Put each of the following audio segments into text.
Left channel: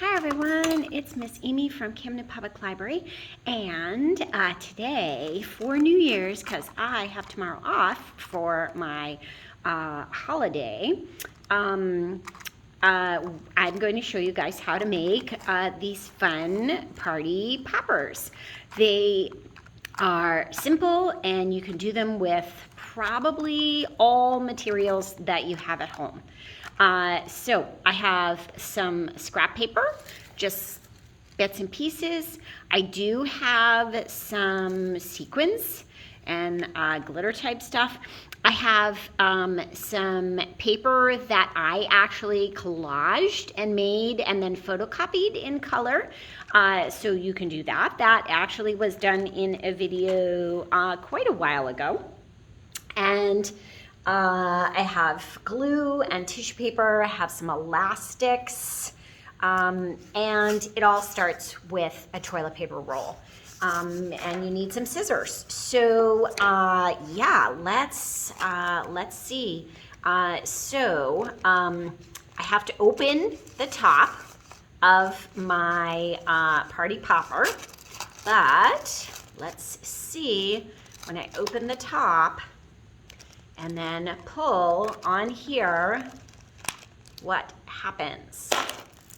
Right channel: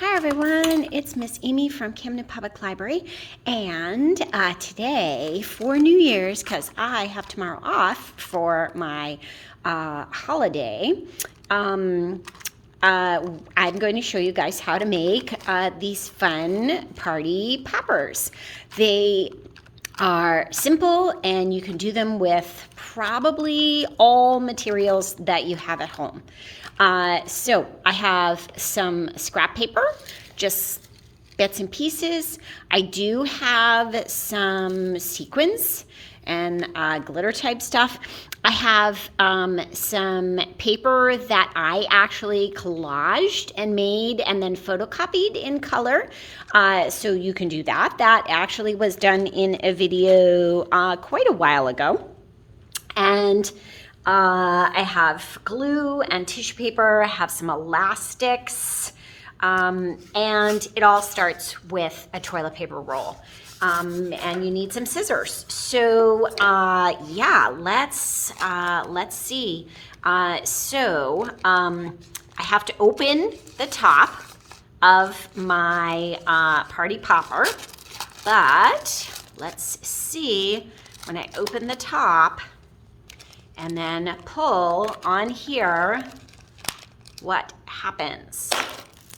Hi everyone, it's Miss Amy from Camden Public Library, and today for New Year's, because I have tomorrow off for my holiday, I'm going to show you guys how to make these fun party poppers. They are simple and you can do them with probably all materials that you have at home. So I have some scrap paper, just bits and pieces. I do have some sequins and glitter type stuff. I have some paper that I actually collaged and made and then photocopied in color. So you can do that. That actually was done in a video quite a while ago. And I have glue and tissue paper. I have some elastics. And it all starts with a toilet paper roll. And you need some scissors. So yeah, let's see. I have to open the top of my party popper, but let's see when I open the top and then pull on here what happens.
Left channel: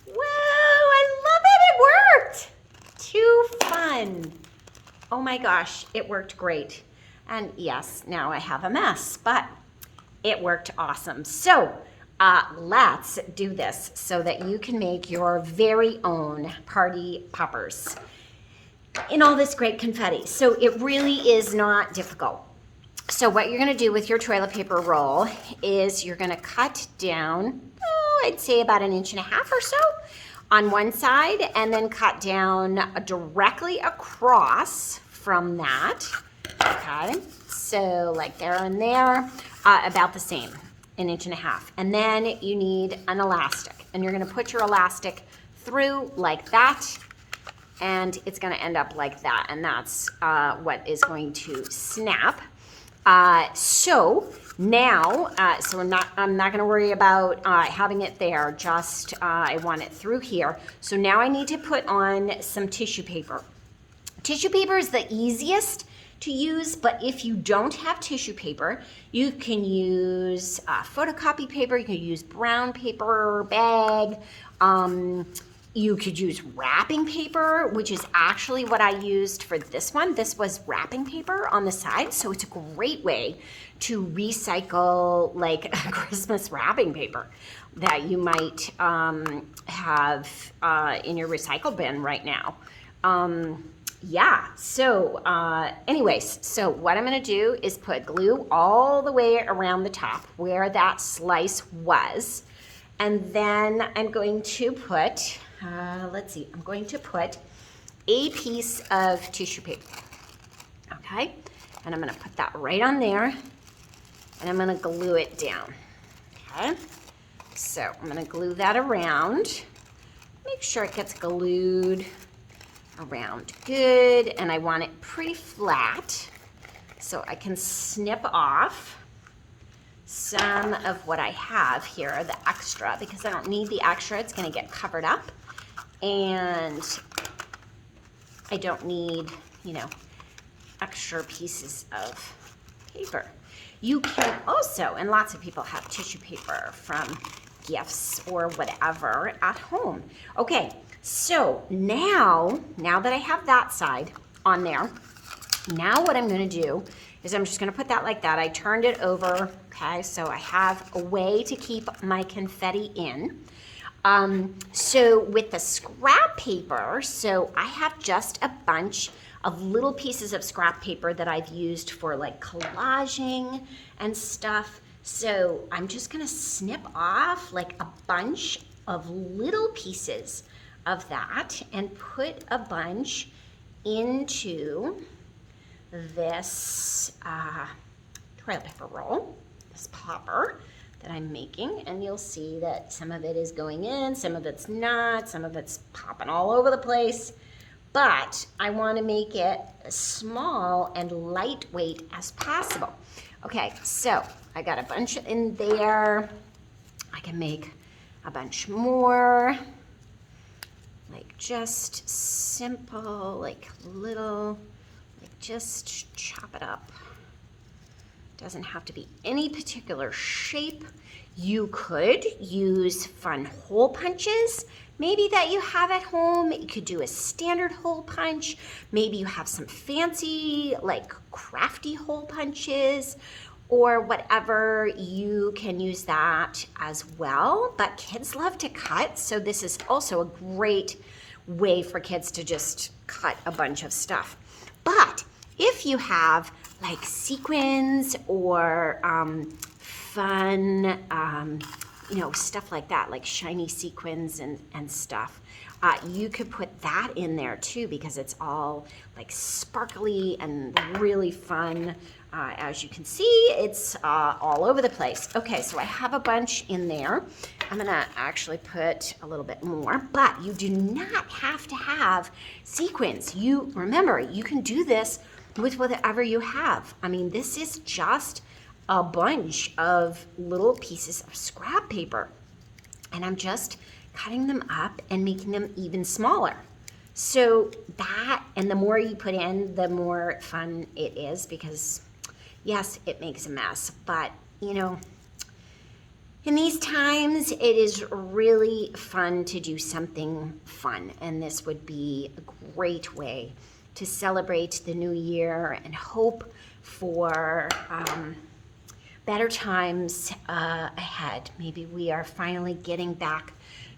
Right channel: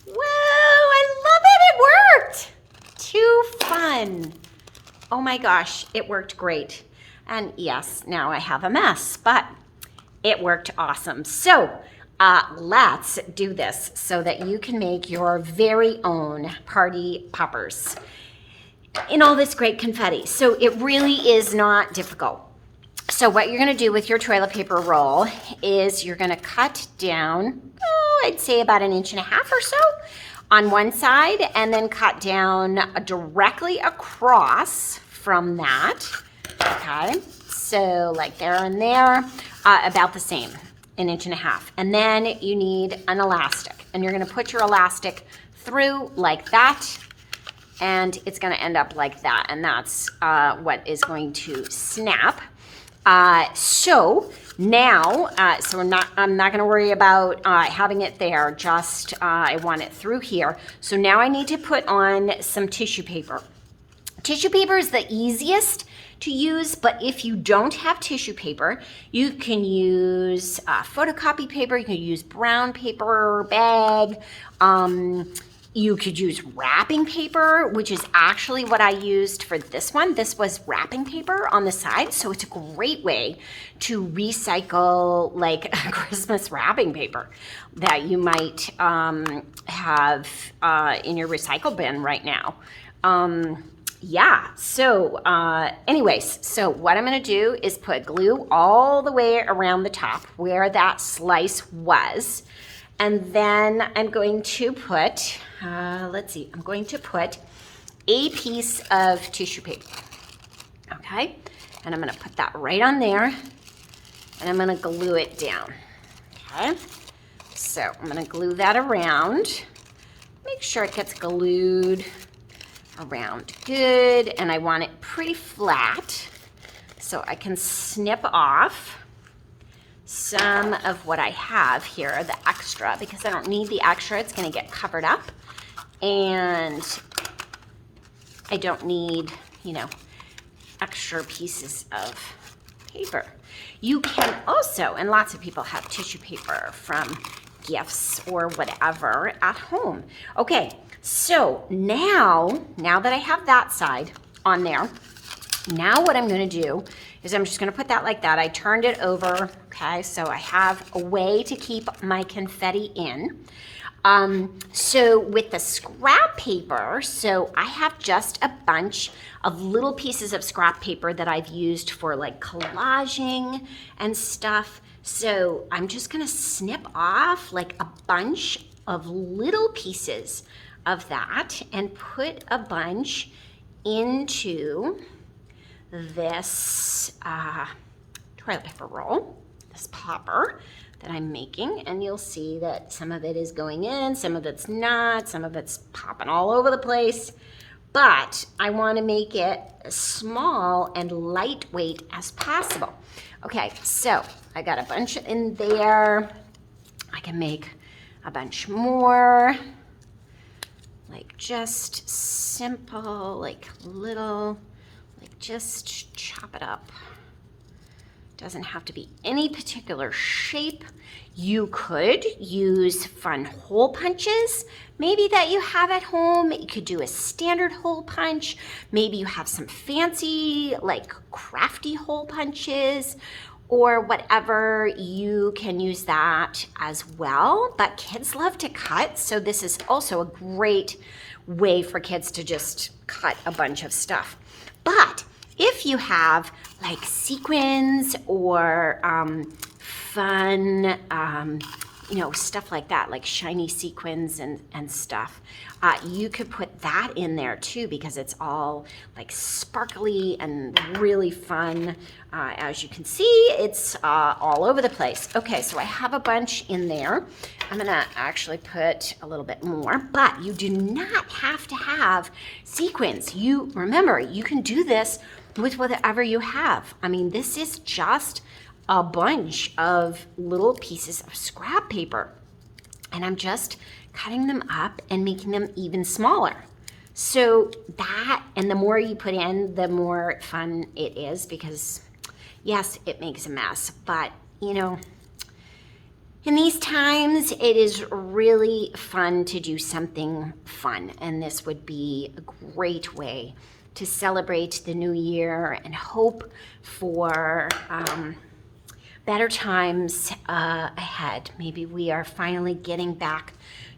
Whoa, I love it, it worked! Too fun. Oh my gosh, it worked great. And yes, now I have a mess, but it worked awesome. So let's do this so that you can make your very own party poppers in all this great confetti. So it really is not difficult. So what you're gonna do with your toilet paper roll is you're gonna cut down, I'd say about 1.5 inches or so on one side, and then cut down directly across from that, okay? So like there and there, about the same, 1.5 inches. And then you need an elastic, and you're gonna put your elastic through like that, and it's gonna end up like that, and that's what is going to snap. So now, I'm not going to worry about having it there, just I want it through here. So now I need to put on some tissue paper. Tissue paper is the easiest to use, but if you don't have tissue paper, you can use photocopy paper, you can use brown paper bag, you could use wrapping paper, which is actually what I used for this one. This was wrapping paper on the side, so it's a great way to recycle like Christmas wrapping paper that you might have in your recycle bin right now. Yeah, so anyways, so what I'm gonna do is put glue all the way around the top where that slice was. And then I'm going to put, I'm going to put a piece of tissue paper, okay? And I'm gonna put that right on there, and I'm gonna glue it down, okay? So I'm gonna glue that around, make sure it gets glued around good, and I want it pretty flat so I can snip off some of what I have here, the extra, because I don't need the extra, it's gonna get covered up, and I don't need, extra pieces of paper. You can also, and lots of people have tissue paper from gifts or whatever at home. Okay, so now that I have that side on there, now what I'm gonna do is I'm just gonna put that like that. I turned it over, okay? So I have a way to keep my confetti in. So with the scrap paper, so I have just a bunch of little pieces of scrap paper that I've used for like collaging and stuff. So I'm just gonna snip off like a bunch of little pieces of that and put a bunch into this toilet paper roll, this popper that I'm making, and you'll see that some of it is going in, some of it's not, some of it's popping all over the place, but I want to make it as small and lightweight as possible. Okay, so I got a bunch in there. I can make a bunch more. just simple, like little, like just chop it up. Doesn't have to be any particular shape. You could use fun hole punches, maybe that you have at home. You could do a standard hole punch. Maybe you have some fancy, like crafty hole punches or whatever. You can use that as well. But kids love to cut, so this is also a great way for kids to just cut a bunch of stuff. But if you have like sequins or fun, you know, stuff like that, like shiny sequins and stuff, you could put that in there too, because it's all like sparkly and really fun. As you can see, it's all over the place. Okay, so I have a bunch in there. I'm gonna actually put a little bit more, but you do not have to have sequins. You remember, you can do this with whatever you have. I mean, this is just a bunch of little pieces of scrap paper, and I'm just cutting them up and making them even smaller. So that, and the more you put in, the more fun it is, because yes, it makes a mess, but you know, in these times, it is really fun to do something fun, and this would be a great way to celebrate the new year and hope for better times ahead. Maybe we are finally getting back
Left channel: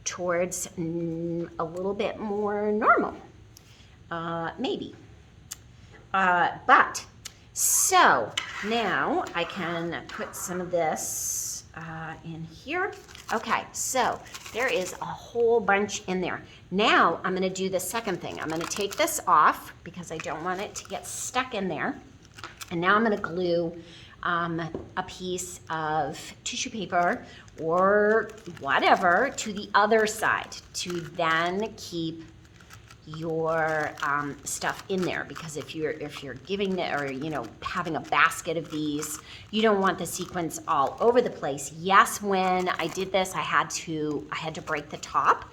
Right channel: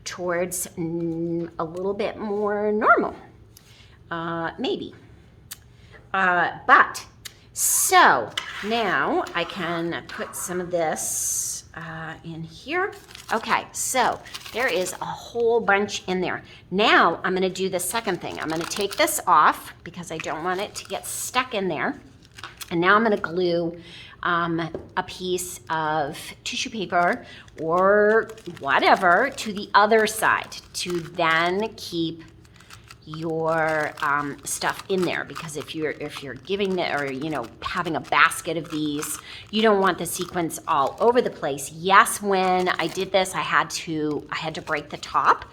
towards a little bit more normal, maybe. But so now I can put some of this in here. Okay, so there is a whole bunch in there. Now I'm going to do the second thing. I'm going to take this off because I don't want it to get stuck in there. And now I'm going to glue a piece of tissue paper or whatever to the other side to then keep your stuff in there, because if you're giving it, or you know, having a basket of these, you don't want the sequins all over the place. Yes, when I did this, I had to break the top,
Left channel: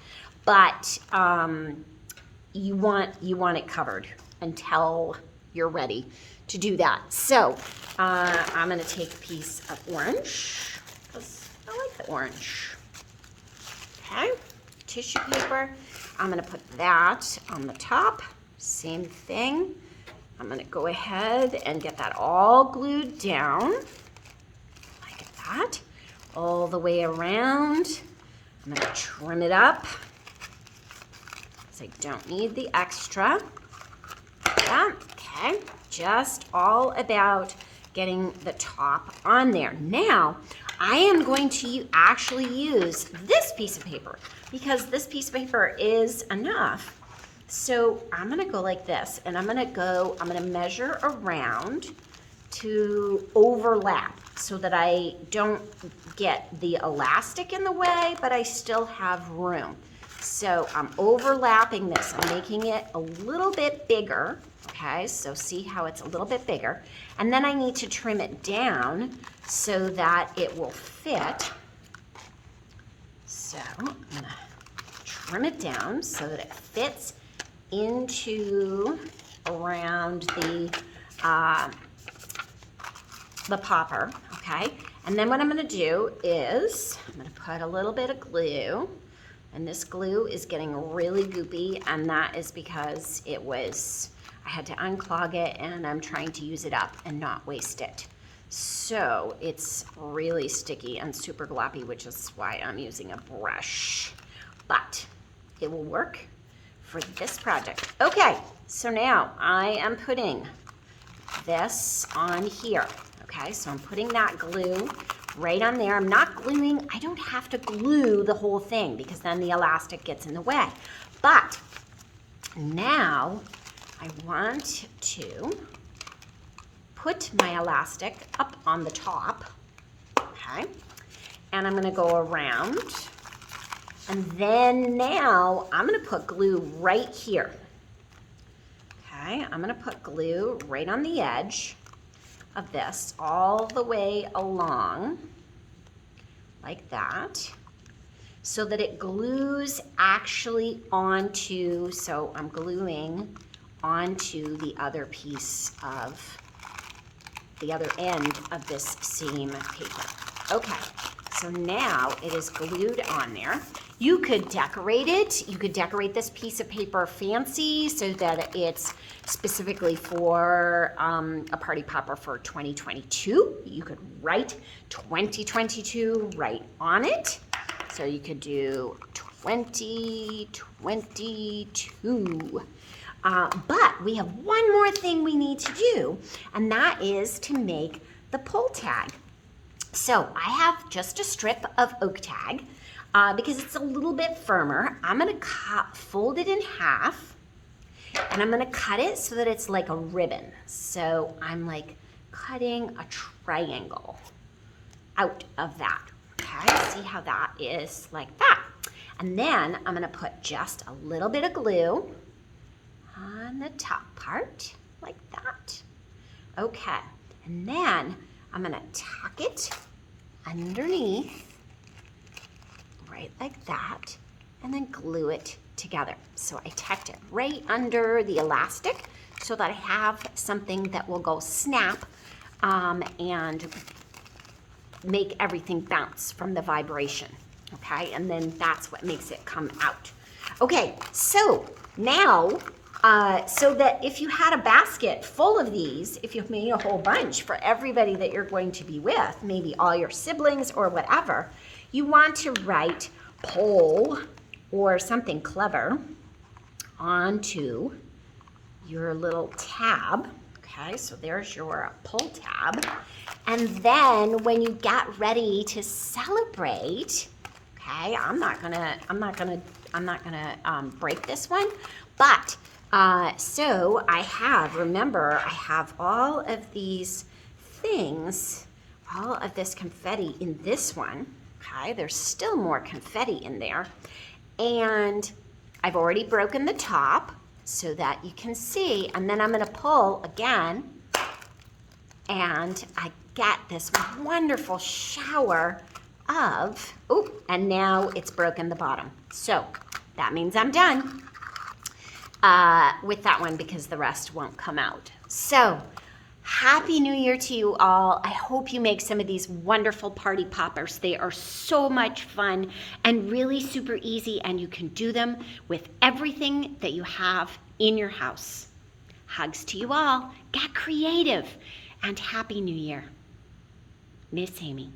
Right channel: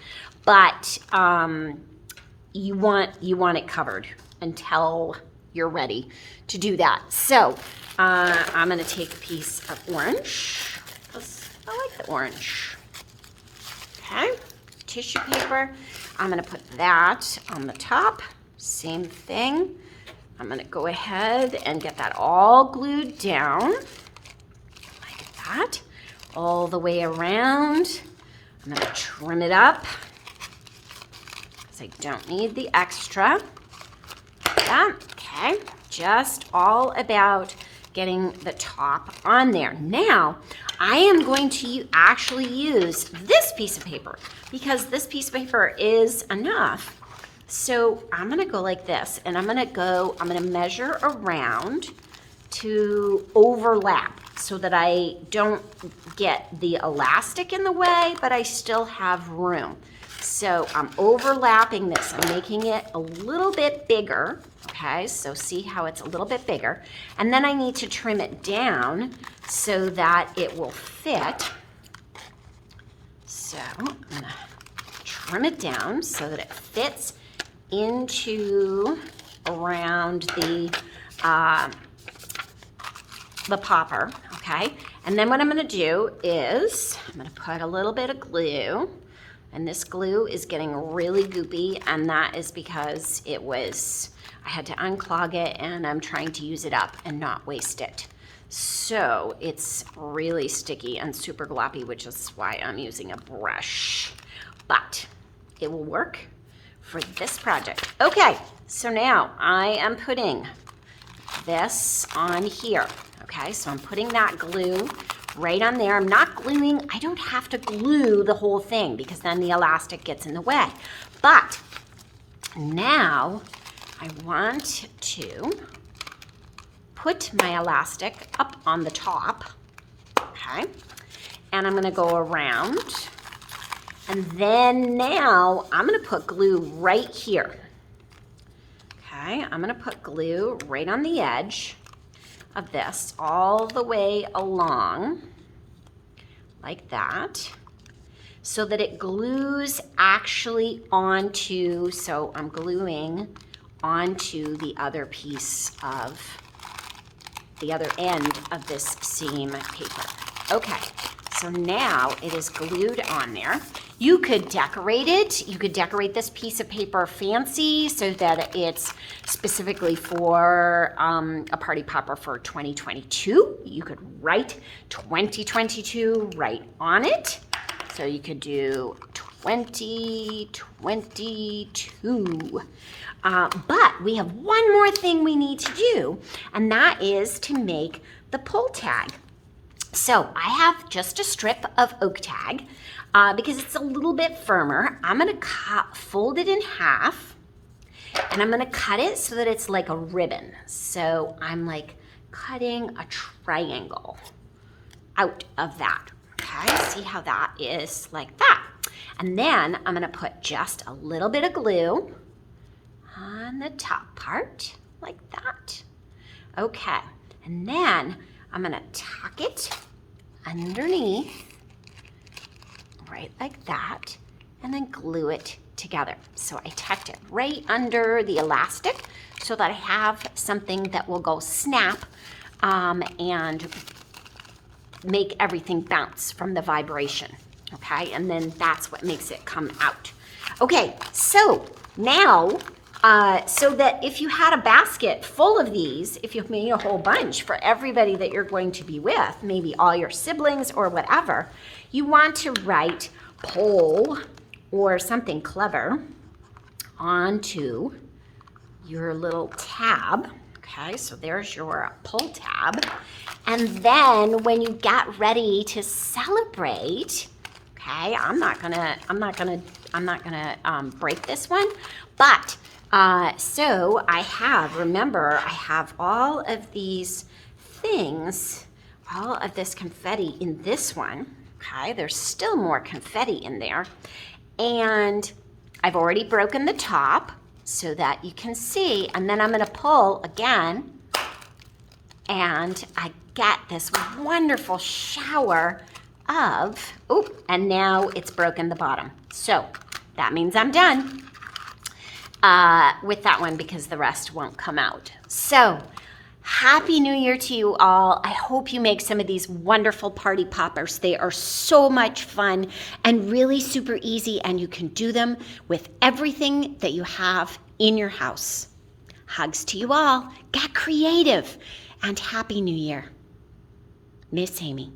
but you want it covered until you're ready to do that. So I'm going to take a piece of orange, because I like the orange. Okay, tissue paper. I'm going to put that on the top. Same thing. I'm going to go ahead and get that all glued down like that, all the way around. I'm going to trim it up because I don't need the extra. Yeah, okay, just all about getting the top on there. Now, I am going to actually use this piece of paper because this piece of paper is enough. So I'm gonna go like this, and I'm gonna measure around to overlap so that I don't get the elastic in the way, but I still have room. So I'm overlapping this, I'm making it a little bit bigger. Okay, so see how it's a little bit bigger. And then I need to trim it down so that it will fit. So I'm gonna trim it down so that it fits into around the popper, okay? And then what I'm gonna do is I'm gonna put a little bit of glue, and this glue is getting really goopy, and that is because I had to unclog it, and I'm trying to use it up and not waste it. So it's really sticky and super gloppy, which is why I'm using a brush. But it will work for this project. Okay, so now I am putting this on here. Okay, so I'm putting that glue right on there. I'm not gluing, I don't have to glue the whole thing because then the elastic gets in the way. But now I want to put my elastic up on the top, okay? And I'm gonna go around, and then now I'm gonna put glue right here. Okay, I'm gonna put glue right on the edge of this, all the way along, like that. so that it glues actually onto, so I'm gluing onto the other piece of, the other end of this seam paper. Okay, so now it is glued on there. You could decorate it. You could decorate this piece of paper fancy so that it's specifically for a party popper for 2022. You could write 2022 right on it. So you could do 2022. But we have one more thing we need to do, and that is to make the pull tag. So I have just a strip of oak tag because it's a little bit firmer. I'm going to fold it in half, and I'm going to cut it so that it's like a ribbon. So I'm like cutting a triangle out of that. Okay, see how that is like that. And then I'm going to put just a little bit of glue on the top part, like that. Okay, and then I'm gonna tuck it underneath, right like that, and then glue it together. So I tucked it right under the elastic so that I have something that will go snap and make everything bounce from the vibration, okay? And then that's what makes it come out. Okay, so now, so that if you had a basket full of these, if you made a whole bunch for everybody that you're going to be with, maybe all your siblings or whatever, you want to write pull or something clever onto your little tab. Okay, so there's your pull tab. And then when you get ready to celebrate, okay, I'm not gonna break this one, but so I have all of these things, all of this confetti in this one. Okay, there's still more confetti in there. And I've already broken the top so that you can see. And then I'm going to pull again. And I get this wonderful shower of, oh, and now it's broken the bottom. So that means I'm done with that one because the rest won't come out. So Happy New Year to you all. I hope you make some of these wonderful party poppers. They are so much fun and really super easy, and you can do them with everything that you have in your house. Hugs to you all. Get creative, and Happy New Year. Miss Amy.